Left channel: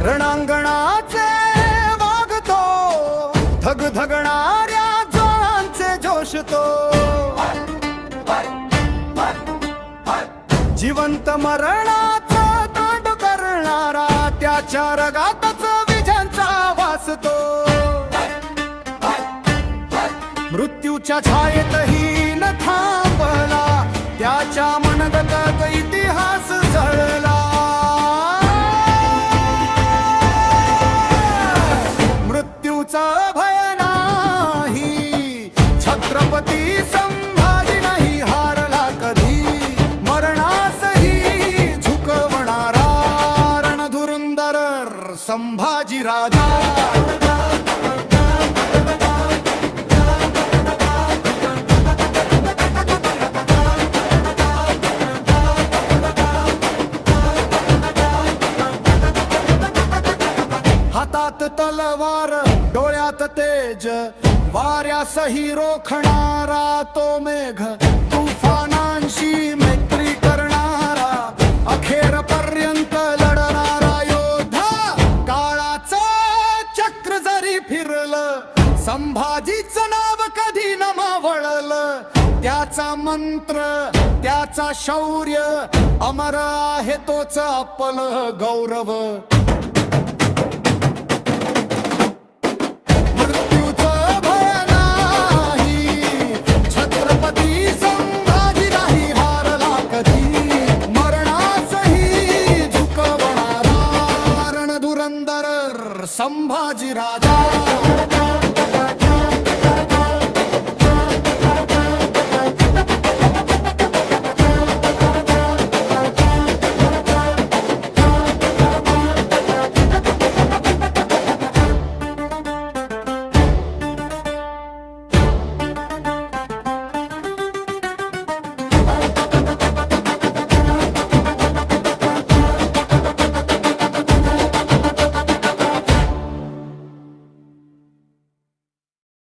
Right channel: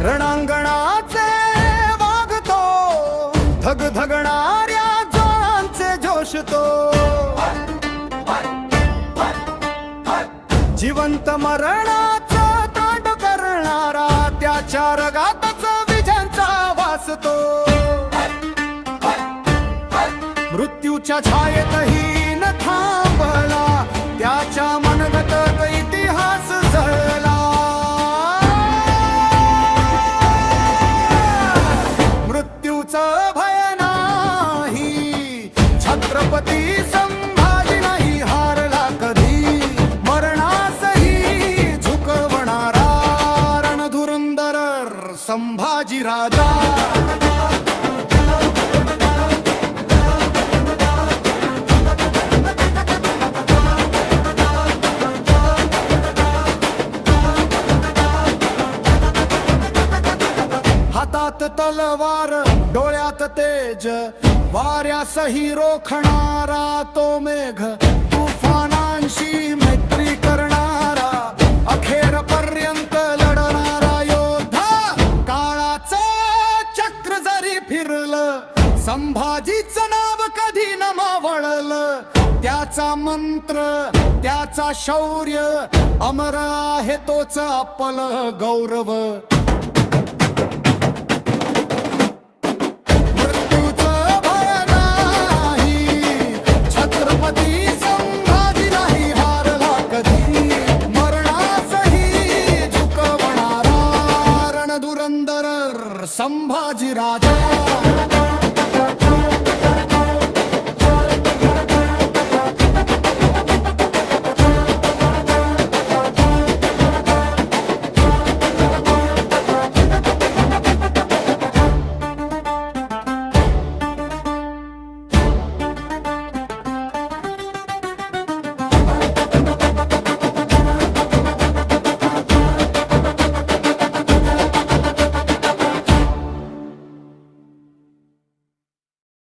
रणांगणाचे वागतो धगधगणाऱ्या ज्वाळांचे जोश तो जिवंत मरणाचं तांड करणारा त्याच्या रगातच विजांचा वासतो मृत्यूच्या छायेतही न थांबला त्याच्या मनगतत इतिहास जळला मृत्यूचं भय नाही छत्रपती संभाजी नाही हारला कधी मरणासही झुकवणारा रणधुरंदर संभाजी राजा हातात तलवार डोळ्यात तेज वाऱ्यासही रोखणारा तो मेघ तुफानांशी मैत्री करणारा अखेरपर्यंत लढणारा योद्धा काळाचं चक्र जरी फिरलं संभाजीचं नाव कधी न मावळलं त्याचा मंत्र त्याचा शौर्य अमर आहे तोच आपलं गौरव छत्रपती संभाजी नाही हारला कधी मरणासही झुकवणारा रणधुरंदर संभाजी राजा